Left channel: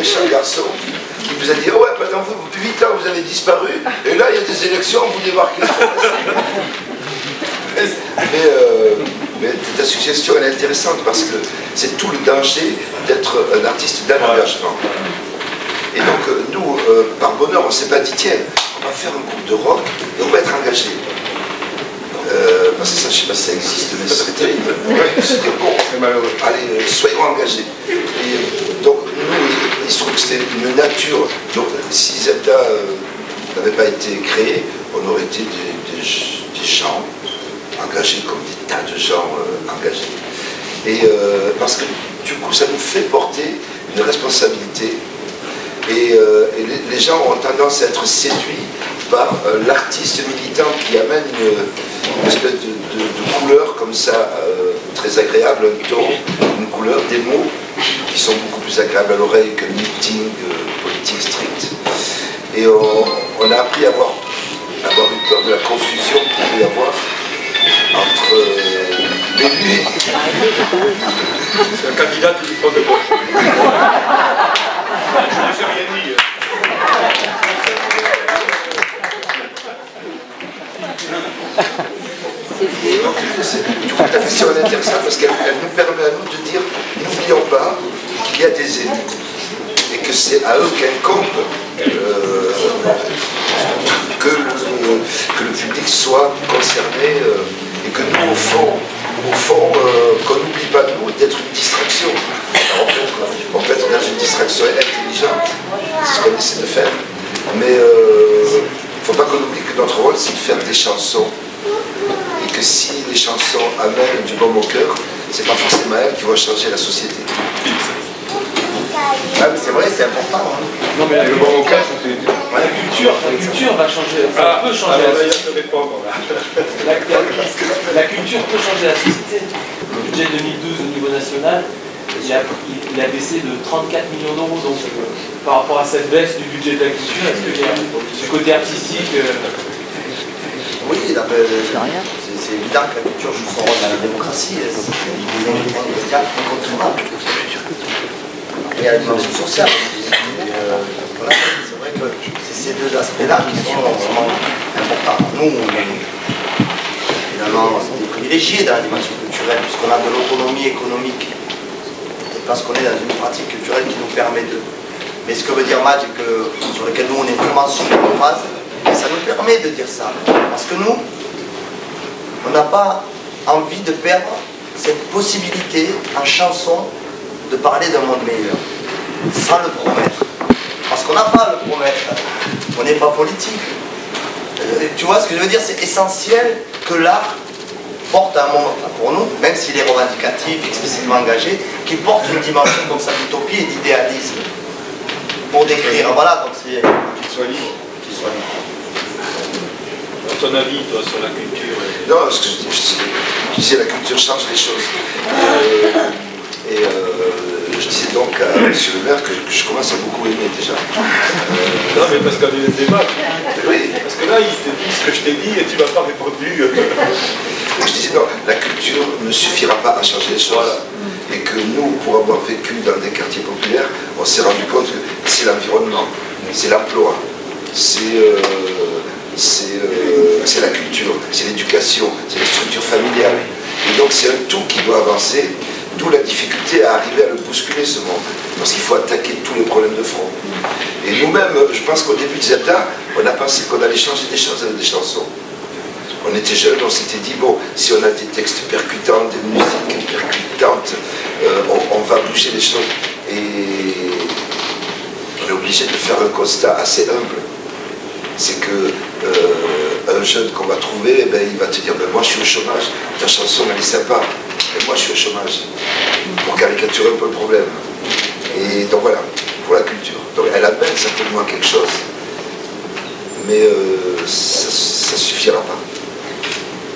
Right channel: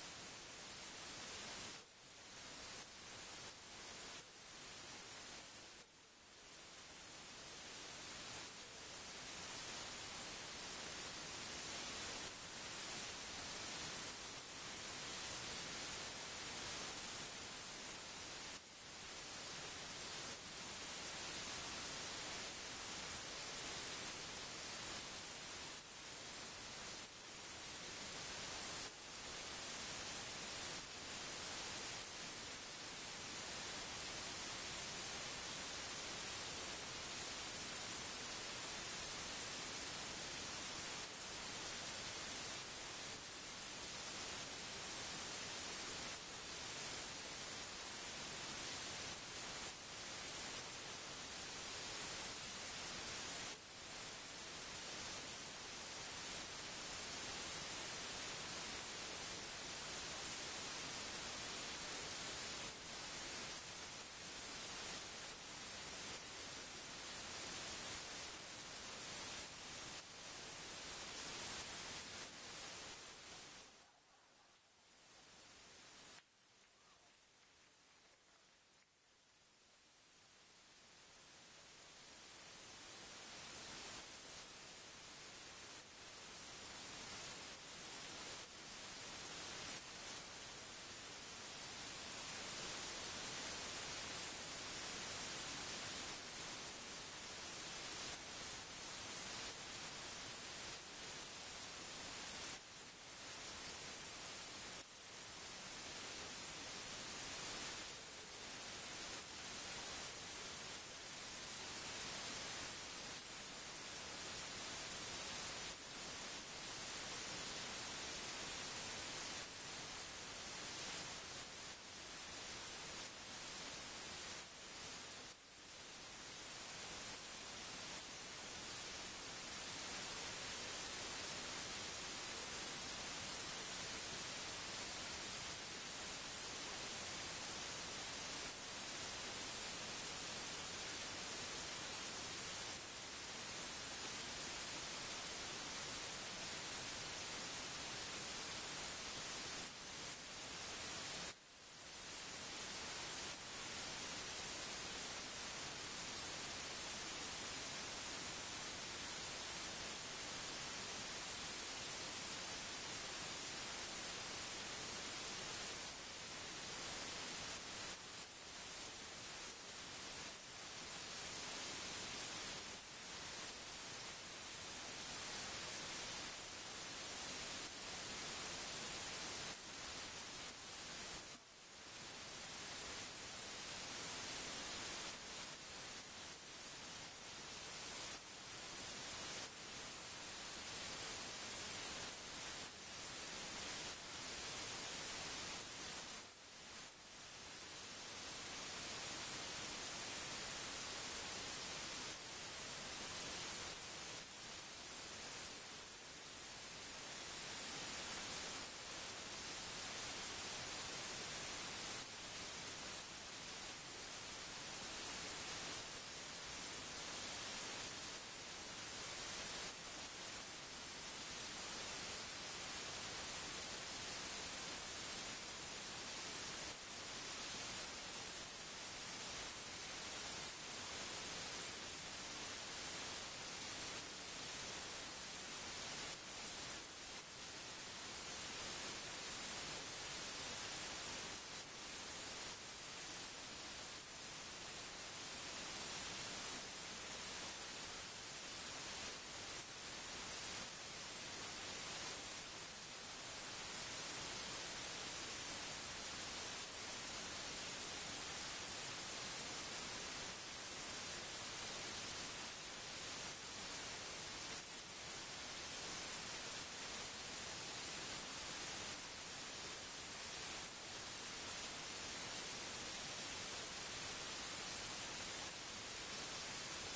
méchant garçon qui vous a dit, oh ouais, pendant 8 ans vous avez disparu, et là il y a des élections, vous débarquez. Mais ta suggestion elle est intéressante parce que c'est tout le danger d'être un artiste d'un engagement. Et donc nous, par bonheur, on ne s'est pas dit tiens, on va faire un groupe de rock et on va être engagé. Parce que ça, je ne sais pas si ça existe, mais ça serait terrible. C'était bon, allez, soyons engagés. Et donc nous, il se trouve que c'était une nature. Donc si Zelda n'avait pas été créé, on aurait été des gens engagés comme des tas de gens engagés. Et parce que du coup, ça nous fait porter une responsabilité. Et les gens ont tendance à être séduits par l'artiste militant qui amène une espèce de couleur comme ça, très agréable, un ton, une couleur, des mots qui sont beaucoup plus agréables à l'oreille qu'un meeting politique strict. Et on a appris à avoir eu peur de la confusion qu'il peut y avoir entre l'élu. C'est un candidat qui prend de gauche. Je ne sais rien dit. Ta question est intéressante parce qu'elle nous permet à nous de dire n'oublions pas qu'il y a des élus et que c'est à eux qu'incombe que le public soit concerné et que nous, au fond qu'on n'oublie pas nous d'être une distraction. Alors, on peut être dans une distraction intelligente, c'est ce qu'on essaie de faire, mais il ne faut pas qu'on oublie que notre rôle c'est de faire des chansons. Et que si les chansons amènent du baume au cœur, c'est pas forcément elles qui vont changer la société. Ah mais c'est vrai, c'est important. Hein. Non mais le baume au cœur, c'est... La culture va changer, enfin, peut changer la société. La culture peut changer la société. Le budget 2012 au niveau national, il a baissé de 34 millions d'euros. Donc par rapport à cette baisse du budget de la culture, est-ce que du côté artistique... Oui, c'est évident que la culture joue son rôle dans la démocratie. C'est une média incontournable. Et il y a la dimension sociale. Voilà, c'est vrai que c'est ces deux aspects-là qui sont vraiment importants. Nous, on est finalement des privilégiés dans la dimension culturelle, puisqu'on a de l'autonomie économique. Et parce qu'on est dans une pratique culturelle qui nous permet de. Mais ce que veut dire Madj, sur lequel nous on est vraiment sur une phase, et ça nous permet de dire ça. Parce que nous, on n'a pas envie de perdre cette possibilité en chanson de parler d'un monde meilleur, sans le promettre. Parce qu'on n'a pas à le promettre, on n'est pas politique. Tu vois ce que je veux dire, c'est essentiel que l'art porte un moment, pour nous, même s'il est revendicatif, explicitement engagé, qu'il porte une dimension comme ça d'utopie et d'idéalisme. Pour décrire, voilà, donc c'est... Qu'il soit libre. Qu'il soit libre. Ton avis, toi, sur la culture Non, ce que je disais, la culture change les choses. Je disais donc à M. le maire que je commence à beaucoup aimer déjà. Non, mais parce qu'on a eu un débat. Oui. Parce que là, il te dit ce que je t'ai dit et tu m'as pas répondu. Je disais non, la culture ne suffira pas à changer les choses. Voilà. Et que nous, pour avoir vécu dans des quartiers populaires, on s'est rendu compte que c'est l'environnement, c'est l'emploi, c'est la culture, c'est l'éducation, c'est les structures familiales. Et donc c'est un tout qui doit avancer, d'où la difficulté à arriver à le bousculer ce monde. Parce qu'il faut attaquer tous les problèmes de front. Et nous-mêmes, je pense qu'au début de Zelda, on a pensé qu'on allait changer des choses avec des chansons. On était jeunes, on s'était dit, bon, si on a des textes percutants, des musiques percutantes, on va bouger les choses. Et on est obligé de faire un constat assez humble. C'est que un jeune qu'on va trouver, eh ben, il va te dire, ben, moi je suis au chômage, ta chanson elle est sympa, mais moi je suis au chômage. Pour caricaturer un peu le problème. Et donc voilà, pour la culture. Donc elle amène certainement quelque chose, mais ça ne suffira pas.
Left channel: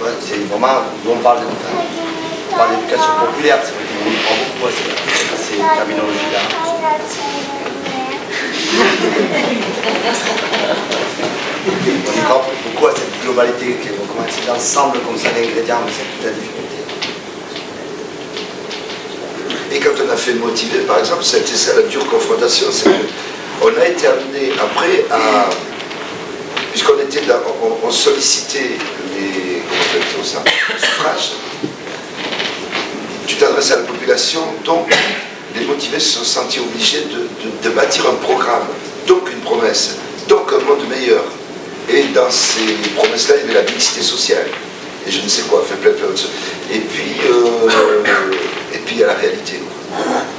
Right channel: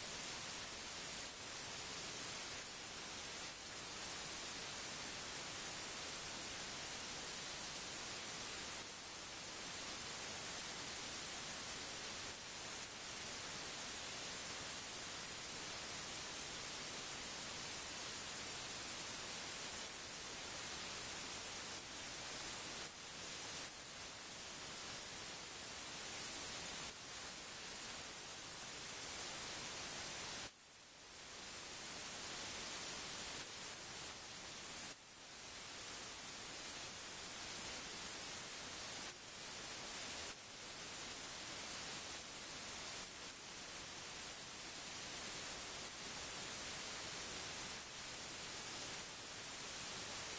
Ouais, c'est vraiment, nous on parle d'éducation populaire, c'est vrai qu'on y prend beaucoup à ces terminologies-là. On y croit beaucoup à cette globalité, comment c'est l'ensemble comme ça d'ingrédients, mais c'est toute la difficulté. Et quand on a fait Motivé, par exemple, ça a été ça la dure confrontation, c'est qu'on a été amené après à... Puisqu'on était là, on sollicitait les... Comment on appelle ça? Le suffrage. Tu t'adresses à la population, donc les motivés se sont sentis obligés de bâtir un programme, donc une promesse, donc un monde meilleur. Et dans ces promesses-là, il y avait la mixité sociale. Et je ne sais quoi, fait plein de choses. Et puis il y a la réalité.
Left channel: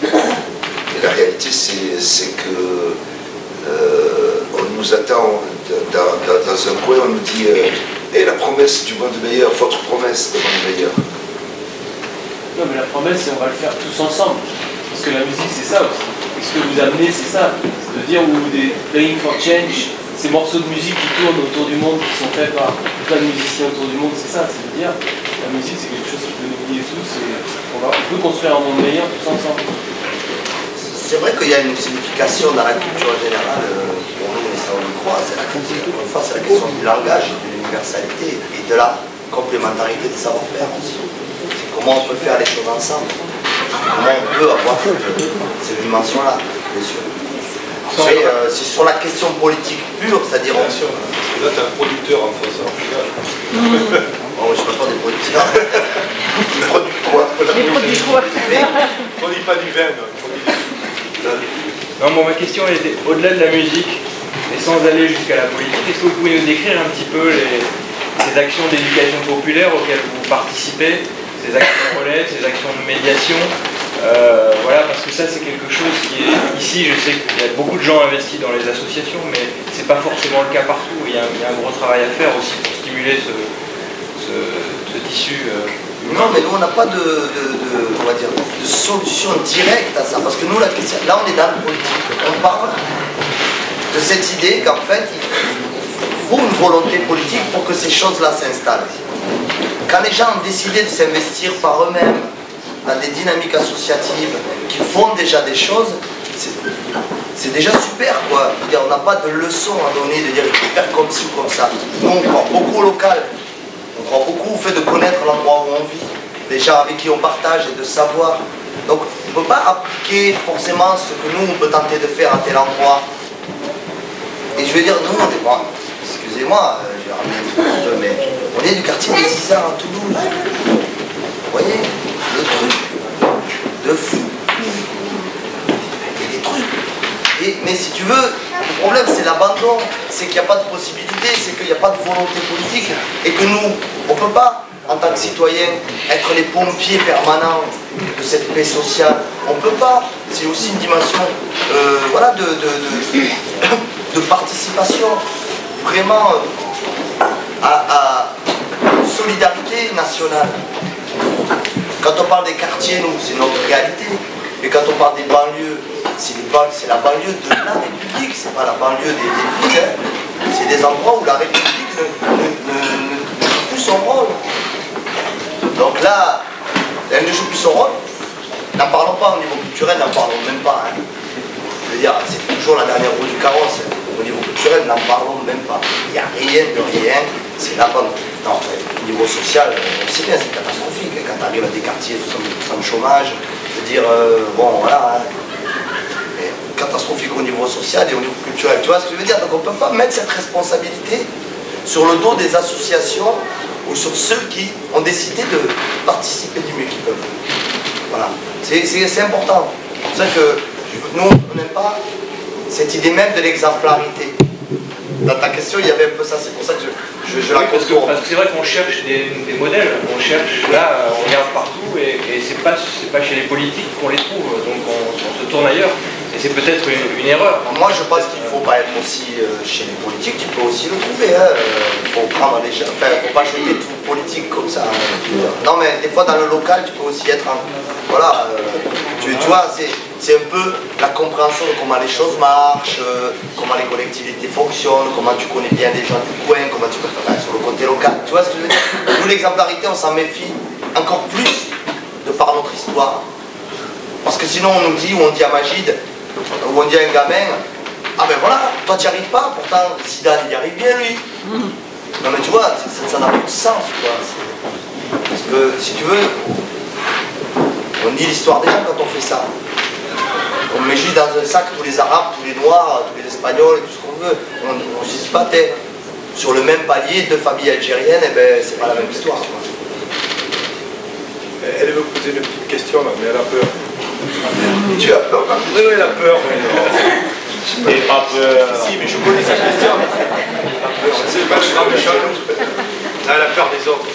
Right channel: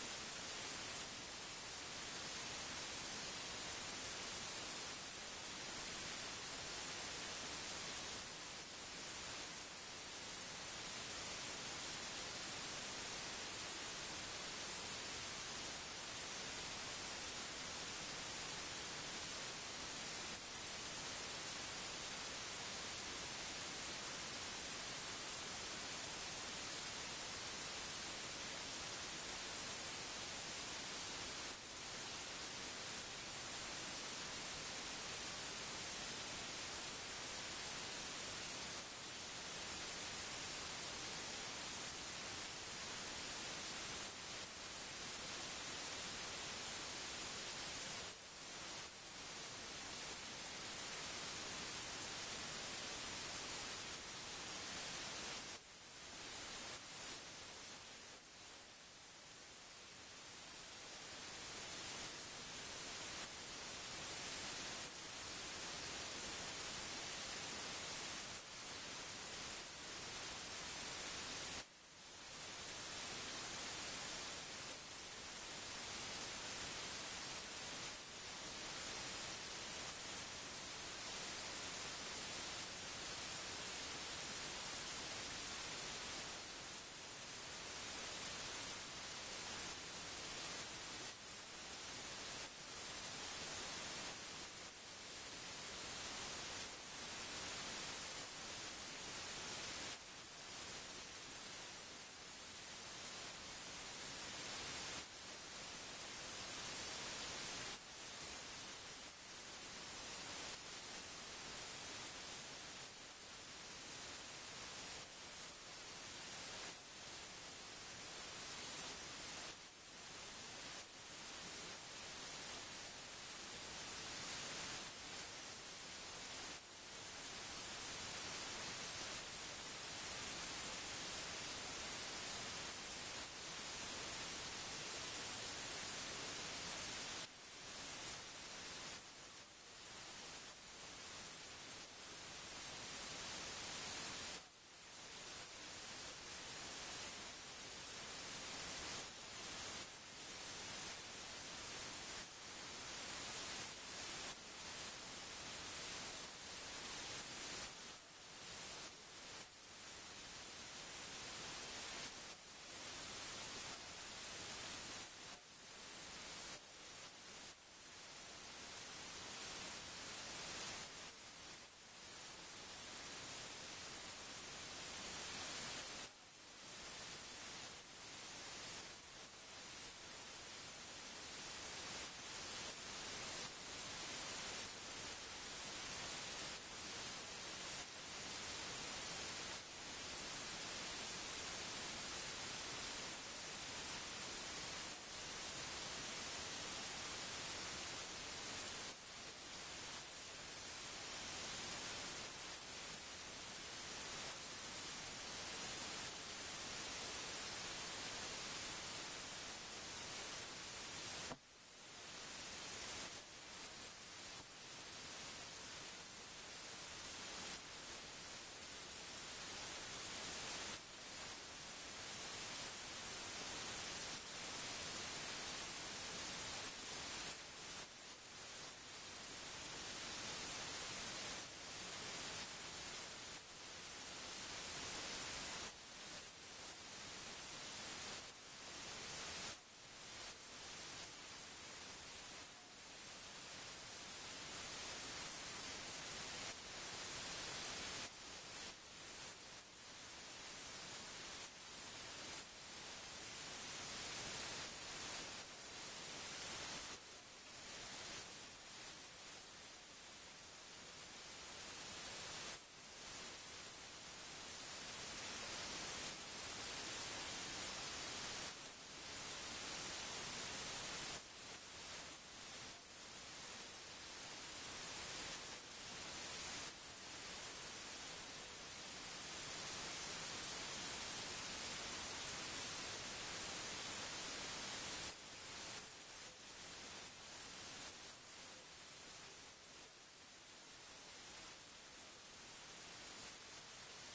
Et la réalité, c'est que on nous attend dans un coin, on nous dit et la promesse du monde meilleur, votre promesse du monde meilleur. Non, mais la promesse, c'est on va le faire tous ensemble. Parce que la musique, c'est ça aussi. Et ce que vous amenez, c'est ça. C'est de dire, ou des Playing for Change, ces morceaux de musique qui tournent autour du monde, qui sont faits par plein de musiciens autour du monde, c'est ça. C'est de dire, la musique, c'est quelque chose qui peut nous lier tous et on peut construire un monde meilleur tous ensemble. C'est vrai qu'il y a une signification dans la culture générale, pour nous, et ça on le croit, c'est la question du langage, de l'universalité et de la complémentarité des savoir-faire aussi. C'est comment on peut faire les choses ensemble, comment on peut avoir cette dimension-là, bien sûr. Après, c'est sur la question politique pure, c'est-à-dire... Bien sûr, parce que là, tu es un producteur en face, en final. Oh, je ne parle pas des producteurs. Les produits quoi? Les produits quoi? On dit pas du vin, Non, bon, ma question était au-delà de la musique, et sans aller jusqu'à la politique, est-ce que vous pouvez nous décrire un petit peu ces actions d'éducation populaire auxquelles vous participez, ces actions de relais, ces actions de médiation, voilà, parce que ça c'est quelque chose qui est ici, je sais qu'il y a beaucoup de gens investis dans les associations, mais c'est pas forcément le cas partout. Il y a un gros travail à faire aussi pour stimuler ce tissu. Non, mais nous on n'a pas on va dire, de solution directe à ça, parce que nous la question, là on est dans le politique, on parle de cette idée qu'en fait il faut une volonté politique pour que ces choses-là s'installent. Quand les gens ont décidé de s'investir par eux-mêmes dans des dynamiques associatives qui font déjà des choses, c'est déjà super quoi. Je veux dire, on n'a pas de leçon à donner, de dire il faut faire comme ci ou comme ça. Nous on croit beaucoup au local, on croit beaucoup au fait de connaître l'endroit où on vit, les gens avec qui on partage et de savoir. Donc on ne peut pas appliquer forcément ce que nous on peut tenter de faire à tel endroit. Et je veux dire, nous on est pas, excusez-moi, je vais ramener un peu, mais on est du quartier des Isards à Toulouse. Vous voyez, le truc de fou. Il y a des trucs. Mais si tu veux, le problème c'est l'abandon, c'est qu'il n'y a pas de possibilité, c'est qu'il n'y a pas de volonté politique et que nous, on ne peut pas, en tant que citoyens, être les pompiers permanents de cette paix sociale. On ne peut pas. C'est aussi une dimension voilà, de participation vraiment à solidarité nationale. Quand on parle des quartiers, nous, c'est notre réalité. Et quand on parle des banlieues, c'est la banlieue de la République, c'est pas la banlieue des villes. Hein. C'est des endroits où la République ne joue plus son rôle. Donc là, elle ne joue plus son rôle. N'en parlons pas au niveau culturel, n'en parlons même pas. Hein. Je veux dire, c'est toujours la dernière roue du carrosse. Au niveau culturel, n'en parlons même pas. Il n'y a rien de rien, c'est la bonne. Non, en fait, au niveau social, on sait bien, c'est catastrophique. Quand tu arrives à des quartiers sans chômage, je veux dire, bon, voilà. Hein. Mais catastrophique au niveau social et au niveau culturel. Tu vois ce que je veux dire? Donc on ne peut pas mettre cette responsabilité sur le dos des associations ou sur ceux qui ont décidé de participer du mieux qu'ils peuvent. Voilà. C'est important. C'est pour ça que nous, on n'aime pas cette idée même de l'exemplarité. Dans ta question, il y avait un peu ça, c'est pour ça que je la contourne. Parce que c'est vrai qu'on cherche des modèles, on cherche, là, on regarde partout et c'est pas chez les politiques qu'on les trouve, donc on se tourne ailleurs. Et c'est peut-être une erreur. Moi, je pense qu'il ne faut pas être aussi chez les politiques, tu peux aussi le trouver. Hein. Il faut prendre les gens, enfin, il ne faut pas jeter tout politique comme ça. Non, mais des fois, dans le local, tu peux aussi être voilà, tu vois, c'est un peu la compréhension de comment les choses marchent, comment les collectivités fonctionnent, comment tu connais bien les gens du coin, comment tu peux faire sur le côté local. Tu vois ce que je veux dire? Nous, l'exemplarité, on s'en méfie encore plus de par notre histoire. Parce que sinon, on nous dit, ou on dit à Magide, ou on dit à un gamin, ah ben voilà, toi tu n'y arrives pas, pourtant Zidane il y arrive bien lui. Non mais tu vois, ça n'a pas de sens quoi. Parce que si tu veux, On nie l'histoire des gens quand on fait ça. On met juste dans un sac tous les Arabes, tous les Noirs, tous les Espagnols, tout ce qu'on veut. On ne se dit pas tel. Sur le même palier, deux familles algériennes, eh ben, c'est pas la même histoire. Quoi. Elle veut poser une petite question là, mais elle a peur. Tu as peur, hein? Oui, elle a peur. Et pas peur. Si, mais je connais sa question. C'est pas grave, elle a peur des autres.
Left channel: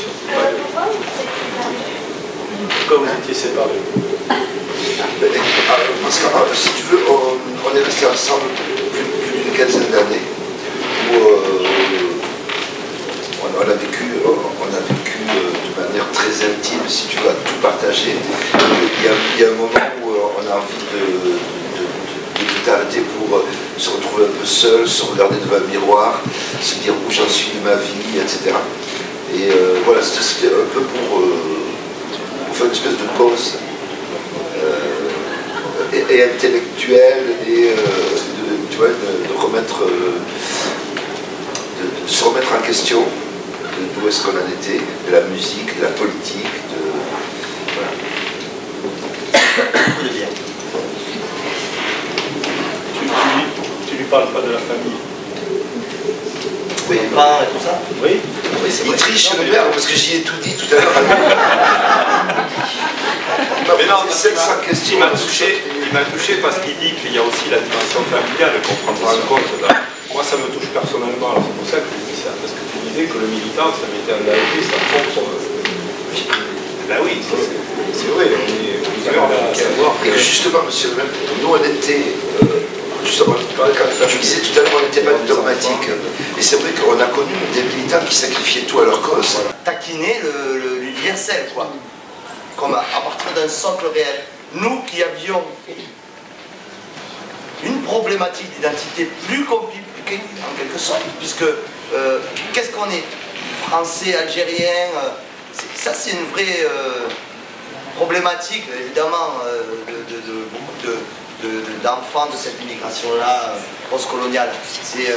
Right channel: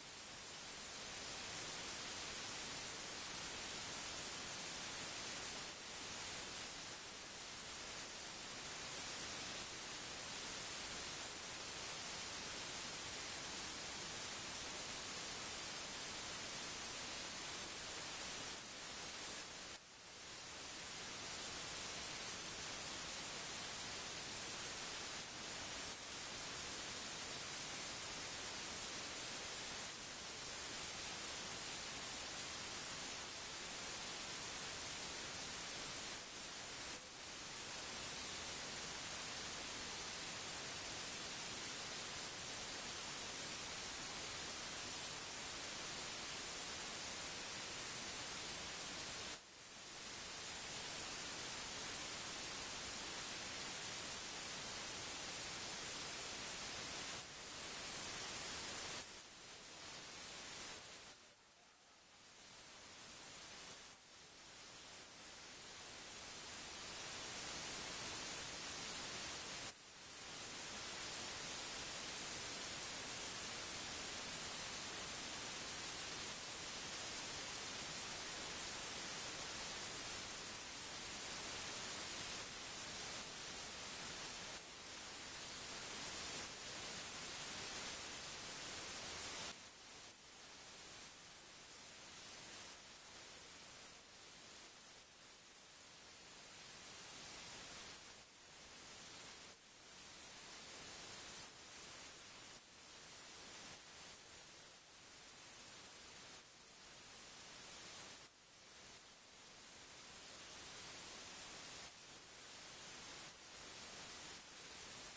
Pourquoi vous étiez séparés? Parce que, si tu veux, on est restés ensemble plus d'une quinzaine d'années, où on a vécu de manière très intime, si tu vas tout partager. Il y a un moment où on a envie de tout arrêter pour se retrouver un peu seul, se regarder devant un miroir, se dire où j'en suis de ma vie, etc. Et voilà, c'était un peu pour faire une espèce de pause et intellectuelle et tu vois, de se remettre en question d'où est-ce qu'on en était, de la musique, de la politique, voilà. Tu lui parles pas de la famille? Oui, vin et tout ça. Oui. Il triche le père parce que j'y ai tout dit tout à l'heure. Mais non, c'est 700 questions. Il m'a touché parce qu'il dit qu'il y a aussi la dimension familiale qu'on prend en compte. Là. Moi, ça me touche personnellement. C'est pour ça que je dis ça. Parce que tu disais que le militant, ça m'était engagé, ça propre. Ben oui, c'est vrai. On est plusieurs à savoir. Et que justement, monsieur le maire, nous on était. Justement, je disais tout à l'heure, on n'était pas dogmatique. Et c'est vrai qu'on a connu des militants qui sacrifiaient tout à leur cause. Taquiner l'universel, quoi. Comme à partir d'un socle réel. Nous qui avions une problématique d'identité plus compliquée, en quelque sorte, puisque qu'est-ce qu'on est? Français, algérien, ça c'est une vraie problématique, évidemment, de beaucoup d'enfants de cette immigration-là postcoloniale. C'est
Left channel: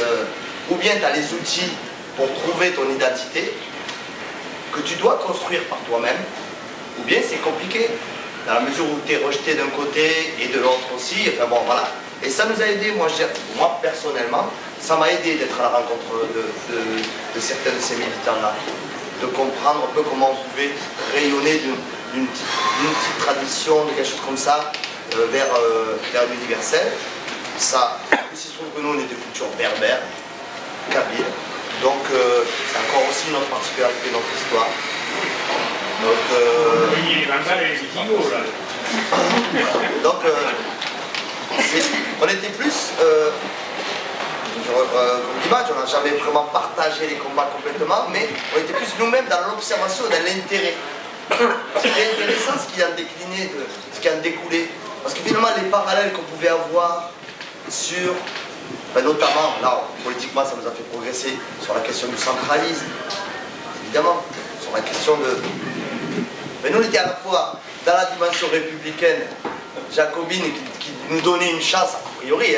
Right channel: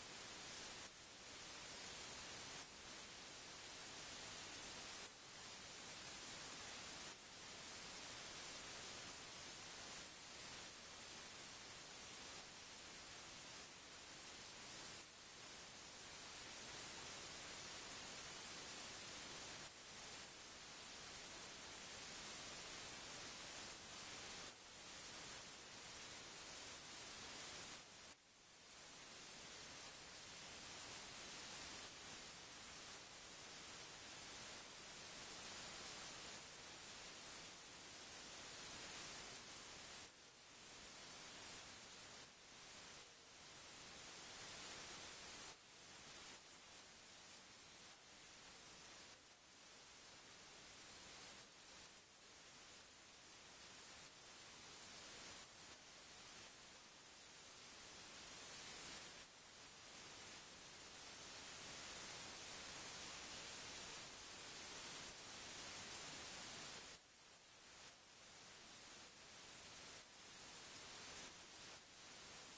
ou bien tu as les outils pour trouver ton identité que tu dois construire par toi-même, ou bien c'est compliqué, dans la mesure où tu es rejeté d'un côté et de l'autre aussi, enfin bon voilà. Et ça nous a aidé, moi personnellement, ça m'a aidé d'être à la rencontre de certains de ces militants-là, de comprendre un peu comment on pouvait rayonner d'une petite tradition, de quelque chose comme ça, vers l'universel. Ça, il se trouve que nous on est de culture berbère, kabyle, donc c'est encore aussi notre particularité, notre histoire. Donc, on était plus, comme l'image, on n'a jamais vraiment partagé les combats complètement, mais on était plus nous-mêmes dans l'observation, dans l'intérêt. C'était intéressant ce qui en déclinait, ce qui en découlait. Parce que finalement, les parallèles qu'on pouvait avoir sur, notamment, là, politiquement, ça nous a fait progresser sur la question du centralisme, évidemment, sur la question de... Mais nous, on était à la fois dans la dimension républicaine, jacobine, qui nous donnait une chance, a priori,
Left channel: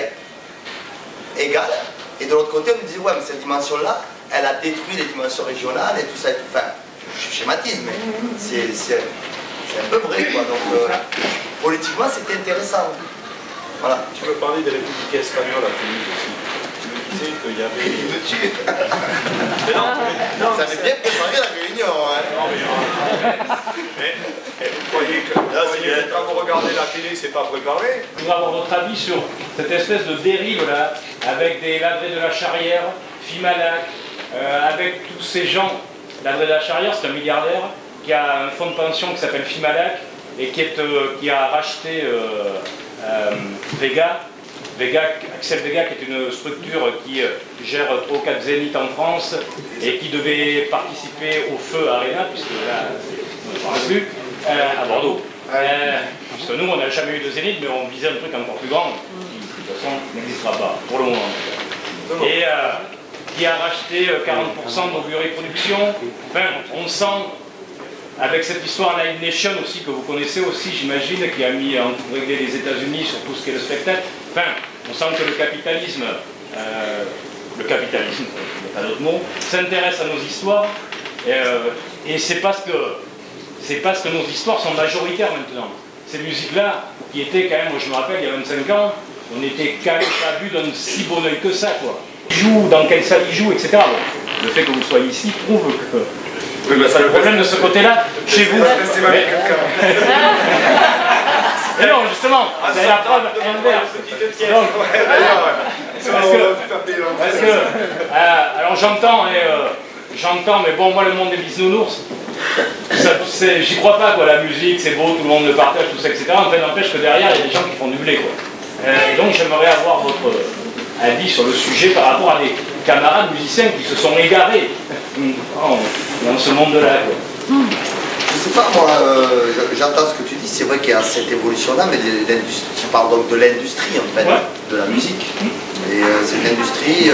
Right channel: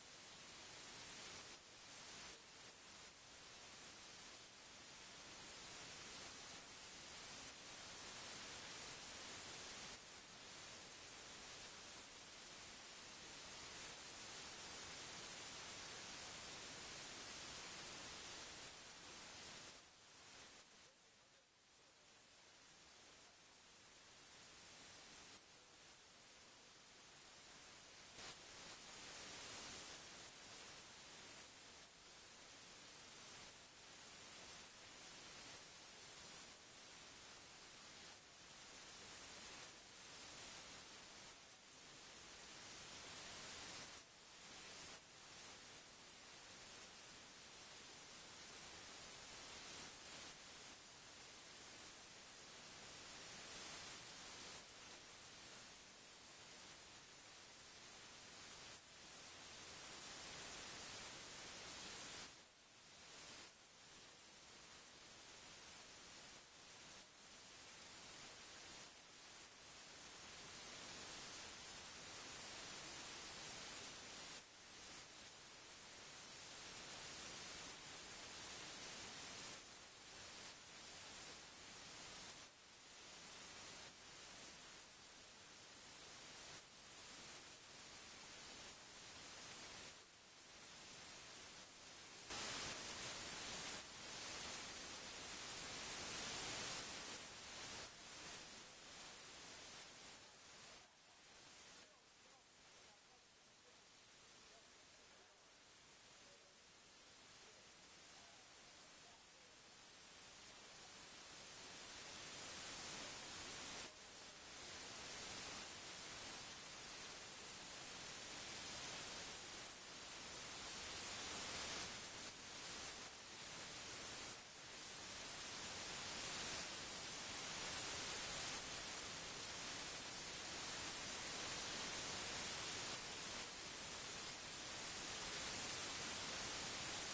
égale, et de l'autre côté, on nous disait, ouais, mais cette dimension-là, elle a détruit les dimensions régionales et tout ça, et tout. Enfin, je schématise, mais c'est un peu vrai, quoi. Donc, politiquement, c'était intéressant. Voilà. Tu veux parler des républicains espagnols à Toulouse aussi. Tu me disais qu'il y avait... Il me tue. Mais non, ça avait bien préparé la réunion, hein. Non, mais vous croyez que quand vous regardez la télé, c'est pas préparé? Je voudrais avoir votre avis sur cette espèce de dérive là, avec des Ladré de la Charrière, Fimalac, avec tous ces gens. Ladré de la Charrière, c'est un milliardaire qui a un fonds de pension qui s'appelle Fimalac et qui a racheté Vega. Axel Vega, qui est une structure qui gère 3 ou 4 zéniths en France et qui devait participer au Feu Arena, puisque là, on ne parle plus, à Bordeaux. Puisque nous, on n'a jamais eu de zénith, mais on visait un truc encore plus grand, qui de toute façon n'existera pas, pour le moment. Et qui a racheté 40% de nos bureaux de production. Enfin, on sent, avec cette histoire Live Nation aussi, que vous connaissez aussi, j'imagine, qui a mis en régler les États-Unis sur tout ce qui est le spectacle. Enfin, on sent que le capitalisme, il n'y a pas d'autre mot, s'intéresse à nos histoires, et c'est parce que nos histoires sont majoritaires maintenant. ces musiques-là, qui étaient quand même, moi je me rappelle, il y a 25 ans, on était quand même pas vu d'un si bon oeil que ça, quoi. Ils jouent, dans quelle salle ils jouent, etc. Bon, le fait que vous soyez ici prouve que... Oui, bah, ça le problème de ce côté-là, chez vous... Mais non, justement, c'est la preuve inverse. Donc, parce que, alors j'entends, mais bon, moi le monde des bisounours, j'y crois pas, quoi. La musique, c'est beau, tout le monde le partage, tout ça, etc. En fait, n'empêche que derrière, il y a des gens qui font du blé, quoi. Et donc, j'aimerais avoir votre avis sur le sujet par rapport à des camarades musiciens qui se sont égarés dans ce monde-là, quoi. Je sais pas, moi, j'entends ce que tu dis, c'est vrai qu'il y a cette évolution-là, mais tu parles donc de l'industrie, en fait, ouais, de la musique. Et cette industrie,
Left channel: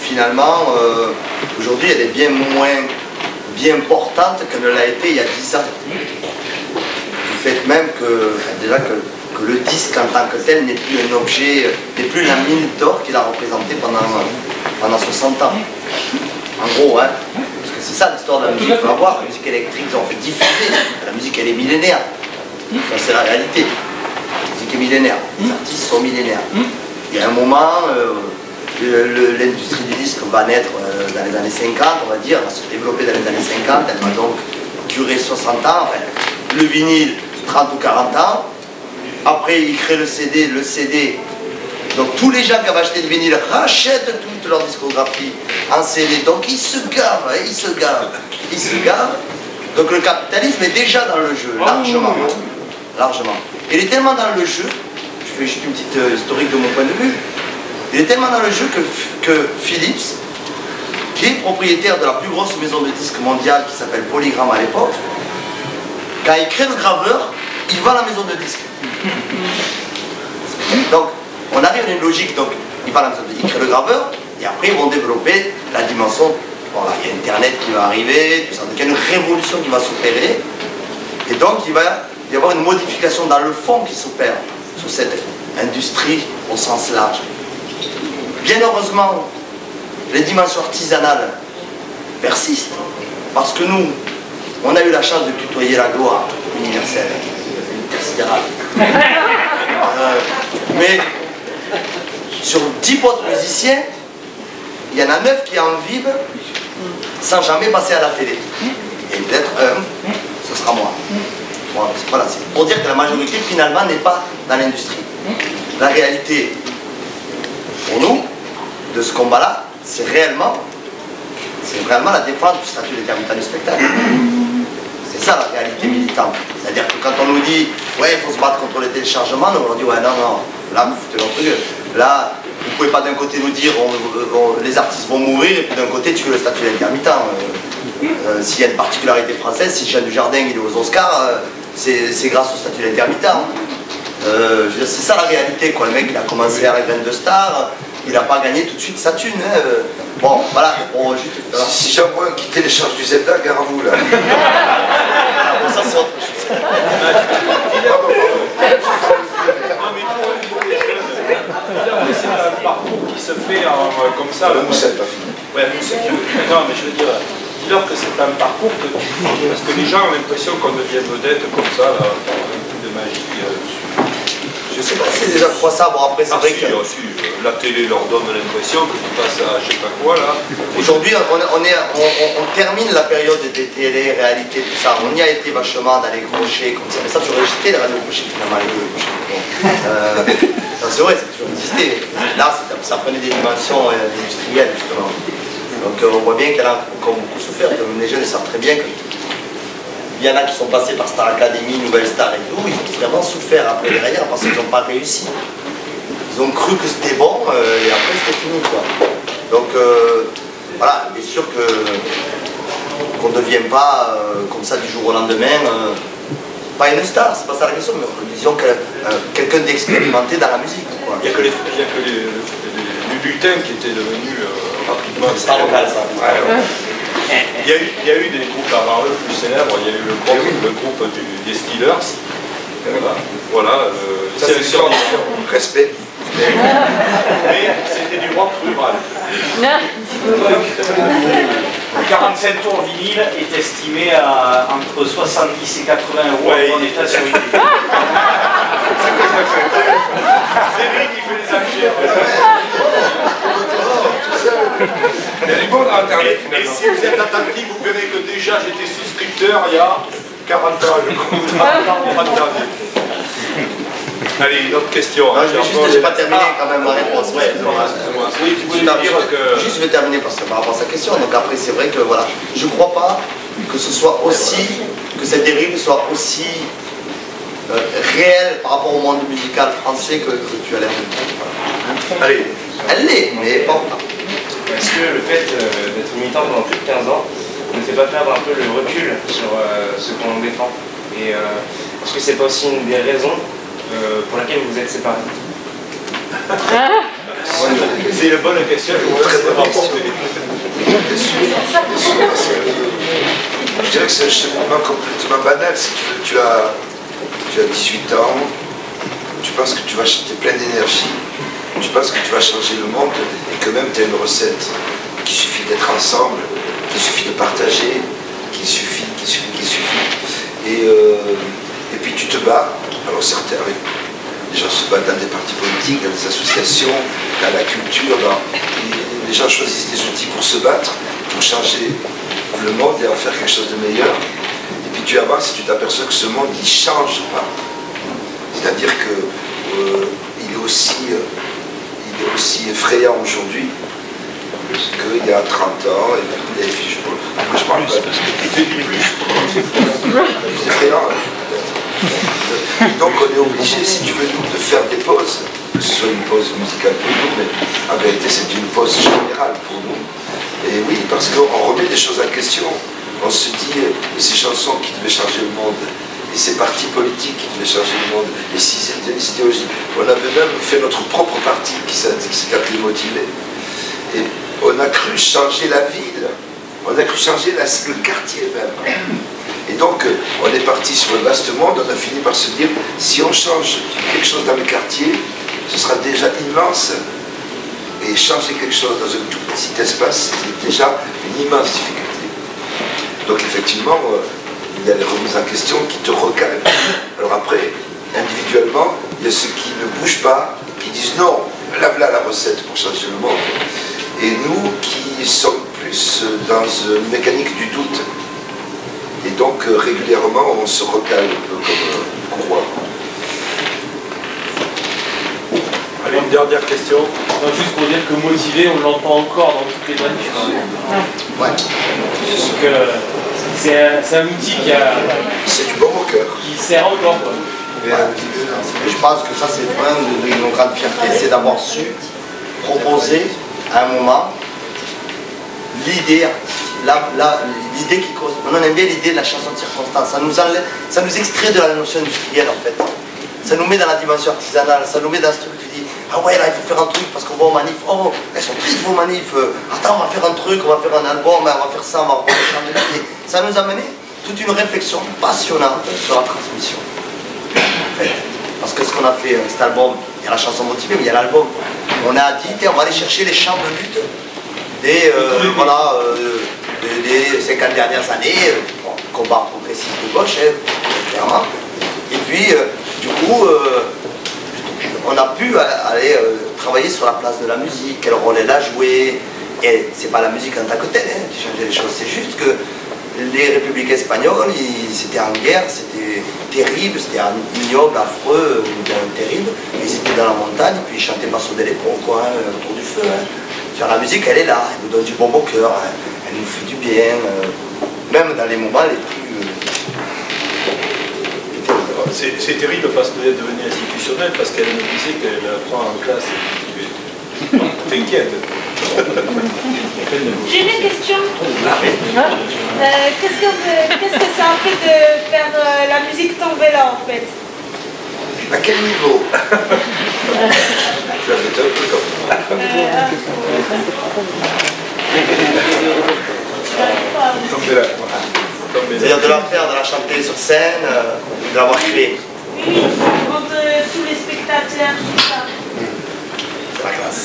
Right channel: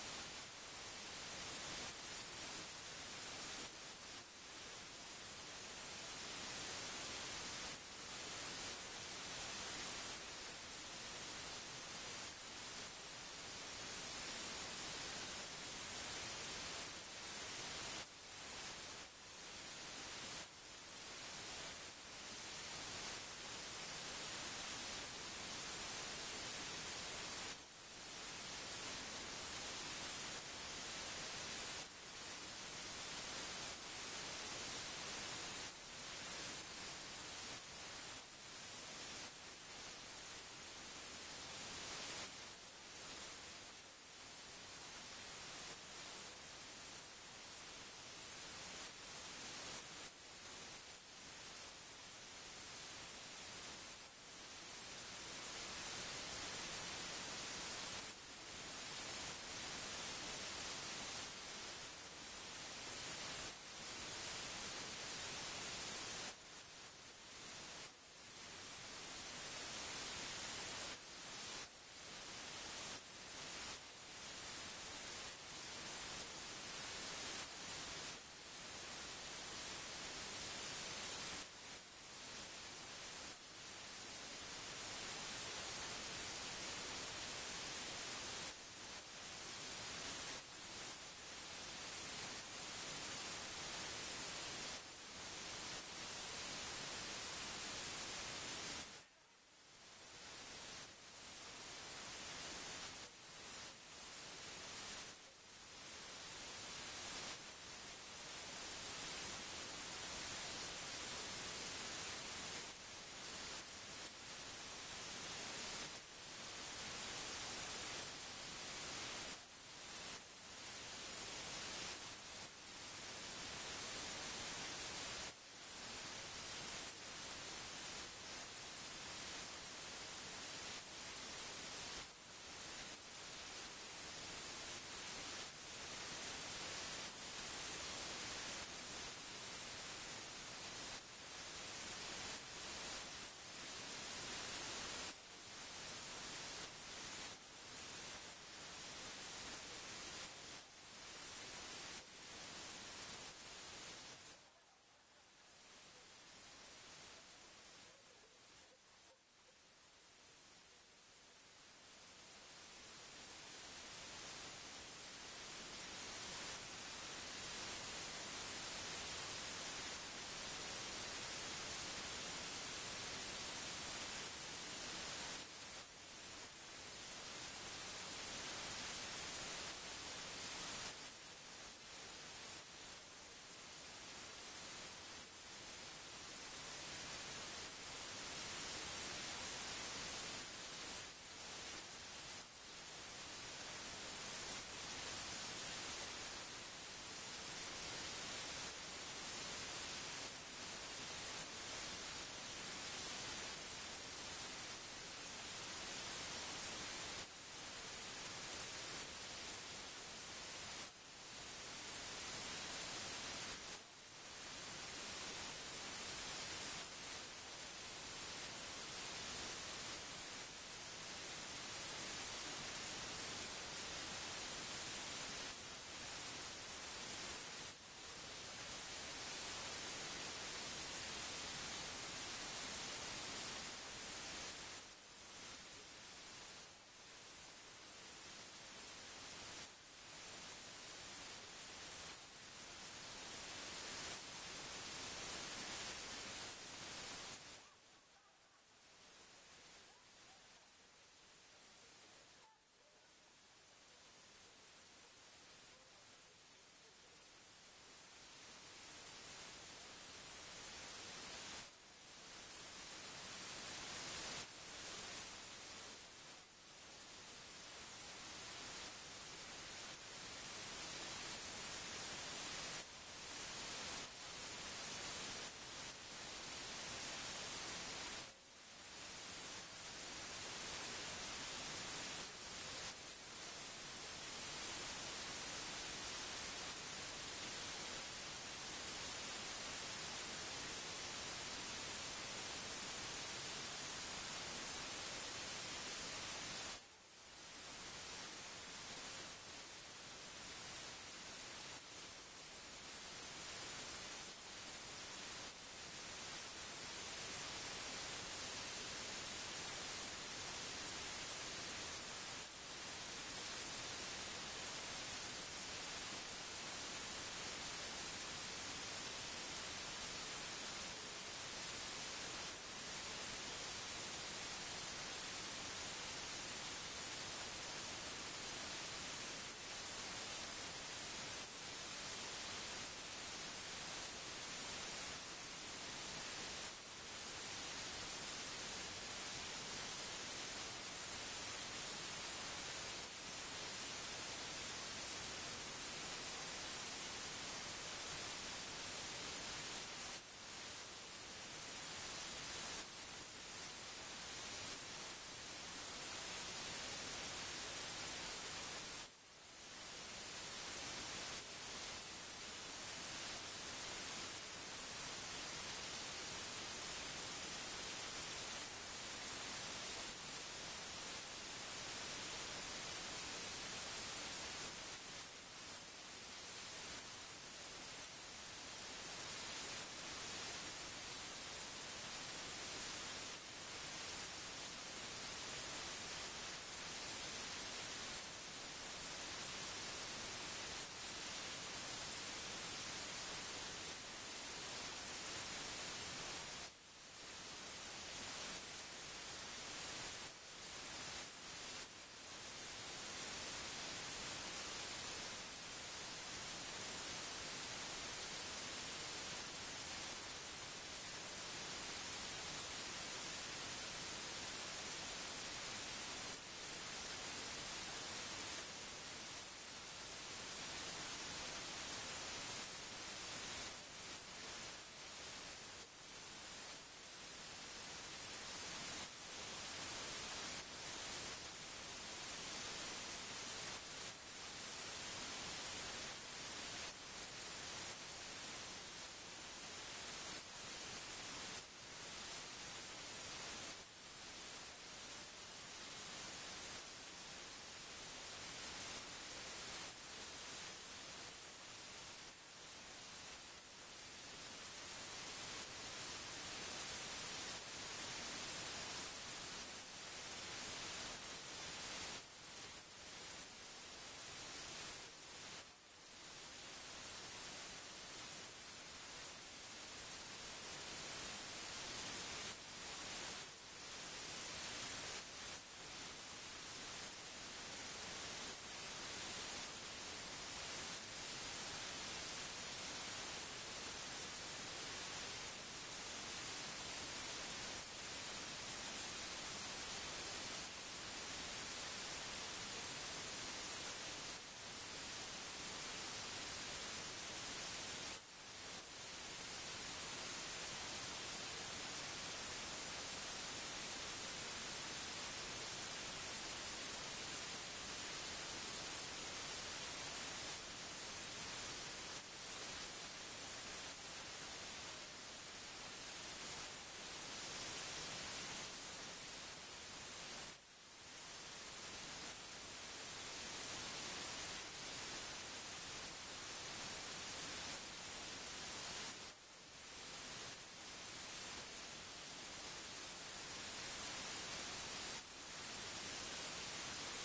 finalement, aujourd'hui, elle est bien moins bien importante qu'elle ne l'a été il y a 10 ans. Du fait même que, enfin, déjà que le disque en tant que tel n'est plus un objet, n'est plus la mine d'or qu'il a représenté pendant 60 ans. En gros, hein. C'est ça l'histoire de la musique, il faut la voir, la musique électrique, ils ont fait diffuser, la musique elle est millénaire, ça c'est la réalité, la musique est millénaire, les artistes sont millénaires. Il y a un moment, l'industrie du disque va naître dans les années 50, on va dire, elle va se développer dans les années 50, elle va donc durer 60 ans, enfin, le vinyle 30 ou 40 ans, après il crée le CD, donc tous les gens qui avaient acheté le vinyle rachètent toute leur discographie en CD, donc ils se gavent. Donc le capitalisme est déjà dans le jeu, largement. Il est tellement dans le jeu, je fais juste une petite historique de mon point de vue, il est tellement dans le jeu que Philips, qui est propriétaire de la plus grosse maison de disques mondiale qui s'appelle Polygram à l'époque, quand il crée le graveur, il vend la maison de disques. Donc, on arrive à une logique, donc ils créent le graveur, et après ils vont développer la dimension, bon là il y a Internet qui va arriver, tout ça, donc il y a une révolution qui va s'opérer, et donc il va y avoir une modification dans le fond qui s'opère sur cette industrie au sens large. Bien heureusement, les dimensions artisanales persistent, parce que nous, on a eu la chance de tutoyer la gloire universelle, intersidérale. Mais sur 10 potes musiciens, il y en a 9 qui en vivent sans jamais passer à la télé. Et peut-être ce sera moi. Voilà, c'est pour dire que la majorité finalement n'est pas dans l'industrie. La réalité, pour nous, de ce combat-là, c'est réellement la défense du statut d'intermittent du spectacle. C'est ça la réalité militante. C'est-à-dire que quand on nous dit ouais, il faut se battre contre les téléchargements, nous on dit ouais, non, là vous foutez votre gueule. Là, vous ne pouvez pas d'un côté nous dire les artistes vont mourir et puis d'un côté tu veux le statut d'intermittent. S'il y a une particularité française, si Jean Dujardin il est aux Oscars, c'est grâce au statut d'intermittent. C'est ça la réalité, quoi. Le mec il a commencé à Rêver de Star, il n'a pas gagné tout de suite sa thune. Hein. Bon, voilà, bon, juste... Si j'envoie qui télécharge du Zelda, gare à vous là. Bon, ça c'est autre chose. C'est un parcours qui se fait comme ça. La moussette, pas fini. Ouais, non, mais je veux dire, dis-leur que c'est un parcours parce que les gens ont l'impression qu'on devient vedette comme ça, là, par un coup de magie. Je sais pas si les gens croient ça, bon après c'est vrai que... la télé leur donne l'impression que tu passes à je sais pas quoi là. Aujourd'hui on termine la période des télé, réalité, tout ça. On y a été vachement dans les crochets comme ça, mais ça a toujours existé les radios crochets finalement, les deux crochets. C'est vrai, ça a toujours existé. Là ça prenait des dimensions industrielles justement. Donc on voit bien qu'elle a encore beaucoup souffert, comme les jeunes savent très bien que il y en a qui sont passés par Star Academy, Nouvelle Star et tout, ils ont vraiment souffert après derrière parce qu'ils n'ont pas réussi. Ils ont cru que c'était bon et après c'était fini, quoi. Donc voilà, bien sûr qu'on ne devient pas comme ça du jour au lendemain, pas une star, c'est pas ça la question, mais disons quelqu'un d'expérimenté dans la musique, quoi. Il n'y a que les lutins qui étaient devenus rapidement... Star locale, ça. Ouais. Il y a eu des groupes avant eux plus célèbres, il y a eu le groupe des Steelers. Voilà. C'est une sorte de respect. Mais c'était du rock rural. 45 tours vinyle est estimé à entre 70 et 80 euros en état sur eBay. C'est lui qui fait les enchères. Elle est bonne à Internet. Et si vous êtes attentif, vous verrez que déjà j'étais souscripteur il y a 40 ans. Allez, une autre question. Non, j'ai pas terminé quand même ma réponse. Oui, tu voulais dire que... Juste, je vais terminer parce que par rapport à sa question. Donc après, c'est vrai que voilà, je crois pas que ce soit aussi, que cette dérive soit aussi réelle par rapport au monde musical français que tu as l'air de dire. Allez. Elle l'est, mais pas. Est-ce que le fait d'être militant pendant plus de 15 ans ne fait pas perdre un peu le recul sur ce qu'on défend? Et est-ce que c'est pas aussi une des raisons pour laquelle vous êtes séparés? C'est une bonne question. Je dirais que c'est un cheminement complètement banal. Si tu as 18 ans, tu penses que tu vas chanter plein d'énergie, tu penses que tu vas changer le monde et que même tu as une recette, qu'il suffit d'être ensemble, qu'il suffit de partager, qu'il suffit. Et puis tu te bats. Alors certains, les gens se battent dans des partis politiques, dans des associations, dans la culture. Les gens choisissent des outils pour se battre, pour changer le monde et en faire quelque chose de meilleur. Et puis tu avances et tu t'aperçois que ce monde, il ne change pas. C'est-à-dire qu'il est aussi effrayant aujourd'hui qu'il y a 30 ans. Et puis je parle pas parce que tu fais du plus. C'est effrayant. Donc on est obligé, si tu veux, de faire des pauses, que ce soit une pause musicale pour nous, mais en vérité c'est une pause générale pour nous. Et oui, parce qu'on remet des choses en question. On se dit, ces chansons qui devaient changer le monde, et ces partis politiques qui devaient changer le monde, et ces idéologies. On avait même fait notre propre parti qui s'est appelé Motivé. Et on a cru changer la ville, on a cru changer le quartier même. Et donc, on est parti sur le vaste monde, on a fini par se dire, si on change quelque chose dans le quartier, ce sera déjà immense. Et changer quelque chose dans un tout petit espace, c'est déjà une immense difficulté. Donc effectivement, il y a les remises en question qui te recalent. Alors après, individuellement, il y a ceux qui ne bougent pas, qui disent non, là voilà la recette pour changer le monde. Et nous qui sommes plus dans une mécanique du doute. Et donc régulièrement on se recale un peu comme courroie. Allez, une dernière question. Non, juste pour dire que motivé, on l'entend encore dans toutes les manifs. Ouais. Donc c'est un outil C'est du bon au cœur. qui sert encore. Quoi. Je pense que ça c'est vraiment une de nos grandes fiertés, c'est d'avoir su proposer à un moment l'idée, l'idée qui cause. On aime bien l'idée de la chanson de circonstance. Ça nous extrait de la notion industrielle en fait. Ça nous met dans la dimension artisanale, ça nous met dans ce truc qui dit ah ouais là il faut faire un truc parce qu'on va aux manifs, oh elles sont tristes vos manifs, attends on va faire un truc, on va faire un album, on va faire ça, on va changer. Ça nous a mené toute une réflexion passionnante sur la transmission. En fait, parce que ce qu'on a fait avec cet album, il y a la chanson motivée, mais il y a l'album. On a dit on va aller chercher les chants de lutte des 50 dernières années, combat progressiste de gauche, clairement. Et puis, du coup, on a pu aller travailler sur la place de la musique, quel rôle elle a joué. Et c'est pas la musique en tant que telle qui changeait les choses, c'est juste que les républicains espagnols, c'était en guerre, c'était terrible, c'était ignoble, affreux, terrible. Ils étaient dans la montagne, puis ils chantaient Paso de Lepron, quoi, autour du feu. Sur la musique, elle est là, elle nous donne du bon au cœur, elle nous fait du bien, même dans les moments les plus... C'est terrible parce qu'elle est devenue institutionnelle, parce qu'elle me disait qu'elle apprend en classe. T'inquiète. J'ai une question. Qu'est-ce que ça en fait de faire la musique tomber là en fait? À quel niveau? Je l'avais fait un peu comme Tombez là. C'est-à-dire de la faire, de la chanter sur scène, de l'avoir créée. Oui, entre tous les spectateurs, tout ça. C'est la classe.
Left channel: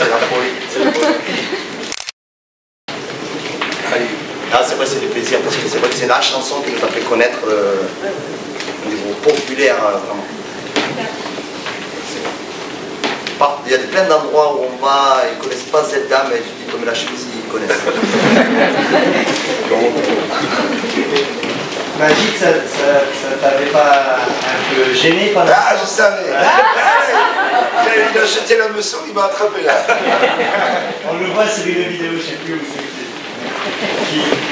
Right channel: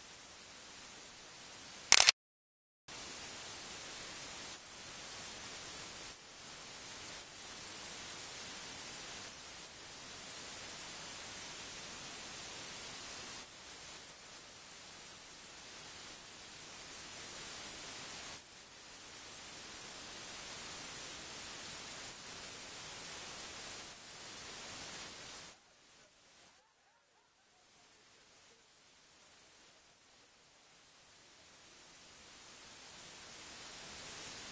c'est la folie. Ah, c'est vrai, c'est du plaisir, parce que c'est vrai que c'est la chanson qui nous a fait connaître au niveau populaire, vraiment. Il y a plein d'endroits où on va, ils ne connaissent pas Zelda, mais tu dis comme la chemise, ils connaissent. Magique, ça t'avait pas un peu gêné pendant... Ah, je savais. Il a jeté la meçon, il m'a attrapé là. On le voit sur une vidéo, je ne sais plus où c'est.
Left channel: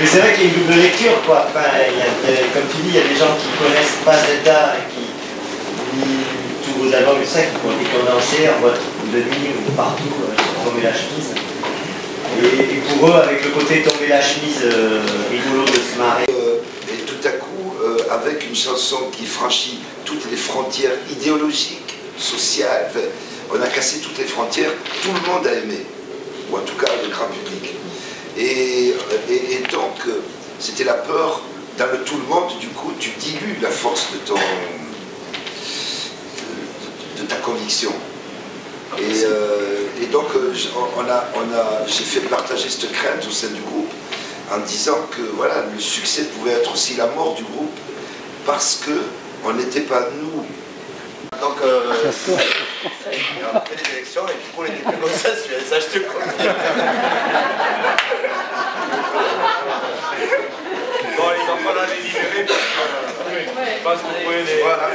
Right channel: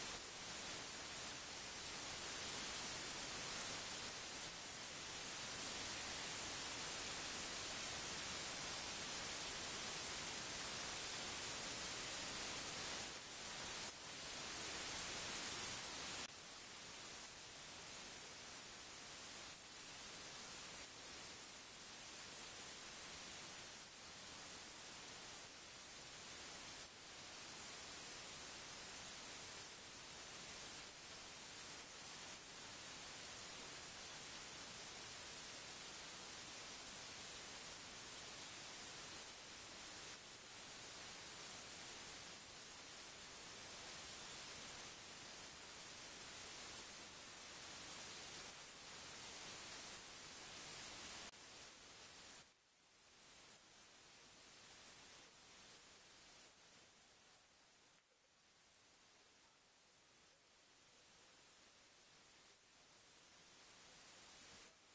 Mais c'est vrai qu'il y a une double lecture, quoi. Enfin, comme tu dis, il y a des gens qui ne connaissent pas Zelda, qui lisent tous vos albums et ça, qui ont été condensés en mode de nuit ou partout, sur Tomber la chemise. Et pour eux, avec le côté Tomber la chemise, rigolo de se marrer. Et tout à coup, avec une chanson qui franchit toutes les frontières idéologiques, sociales, on a cassé toutes les frontières, tout le monde a aimé, ou en tout cas le grand public. Et donc, c'était la peur, dans le tout le monde, du coup, tu dilues la force de ta conviction. Et donc, j'ai fait partager cette crainte au sein du groupe, en disant que voilà, le succès pouvait être aussi la mort du groupe, parce qu'on n'était pas nous. Donc, on a fait les élections et du coup, on était plus consensuels, ça je te confirme. Bon, il va falloir les libérer parce que vous pouvez les... Voilà.